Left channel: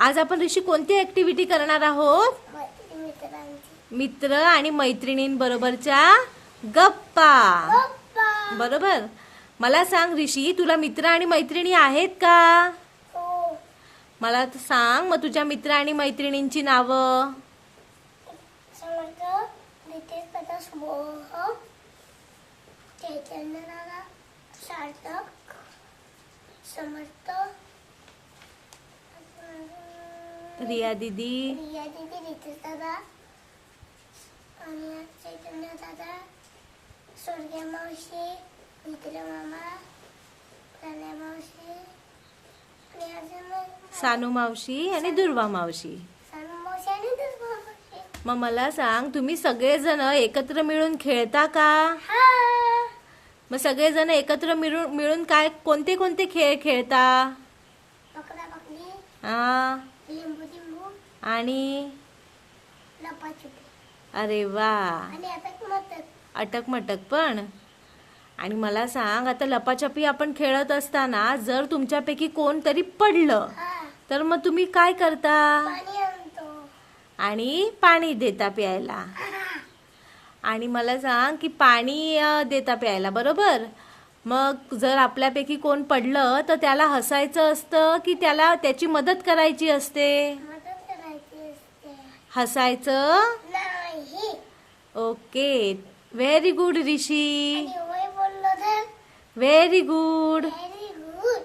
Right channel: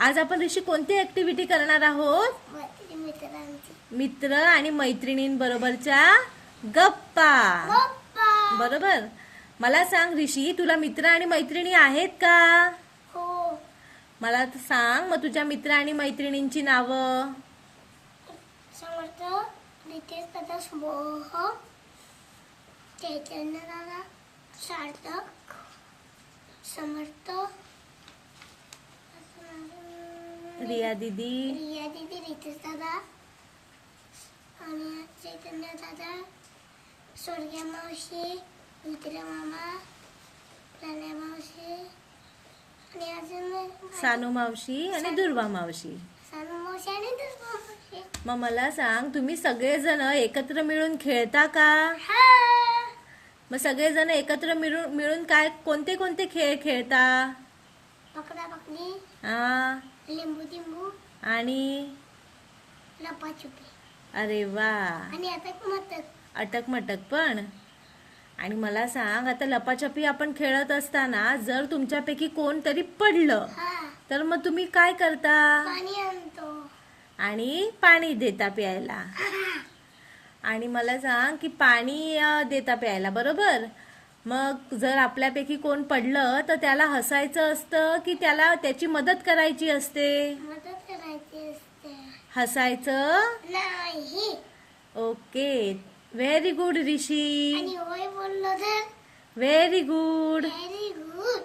आज आपण ऋषी कोणती ऍक्टिव्हिटी करणार आहोत? मित्र आणि मैत्रिणींबरोबरच्या गप्पा. बरोबर. मला सांग ऋषी, तुला मित्र आणि मैत्रिणी आहेत का? हो. मला सांग मग तुझ्या मित्र आणि मैत्रिणींची नावं. समर्थ, नितेश, प्रताप, शुभोह, चैतन्य दादा, सार्थक, समर्थ, रिया दीदी, रिया दीदी, रितेश दादा आणि चैतन्य दादा, स्वर्गीय मावशी, मित्र मामा, प्रणय मावशी आणि अजून सानू मावशी आणि दुर्वा मावशी. सानू मावशी आणि दुर्वा मावशी. मग मला सांग, तुम्ही सगळेजण एकत्र मिळून खेळता का? हा. मग सगळेजण एकत्र मिळून काय कोणते कोणते खेळ खेळता? पकडा पकडी, हा, लिंबू लिंबू आणि लपाछुपी अरे वा, आणि अटक मटक. अटक मटक पण. आणि मला सांग, आता लपाछपी आपण खेळत असताना जर तुमच्यापैकी कोणतरी पडलं हा. तर मग तुम्ही काय करता? पाणी आणतो. आणि पाणी देता प्यायला. आणि मला सांग की पाणी देता प्यायला, बरोबर. मग जर आपल्यापैकी कोण पडलं तर त्याला हसायचं असतं की त्याला त्याची मदत करायची असते? मदत करायची असते. हसायचं नाही. ओके, व्हेरी गुड ऋषी, आणि होय बोललो तर व्हेरी गुड. Very good.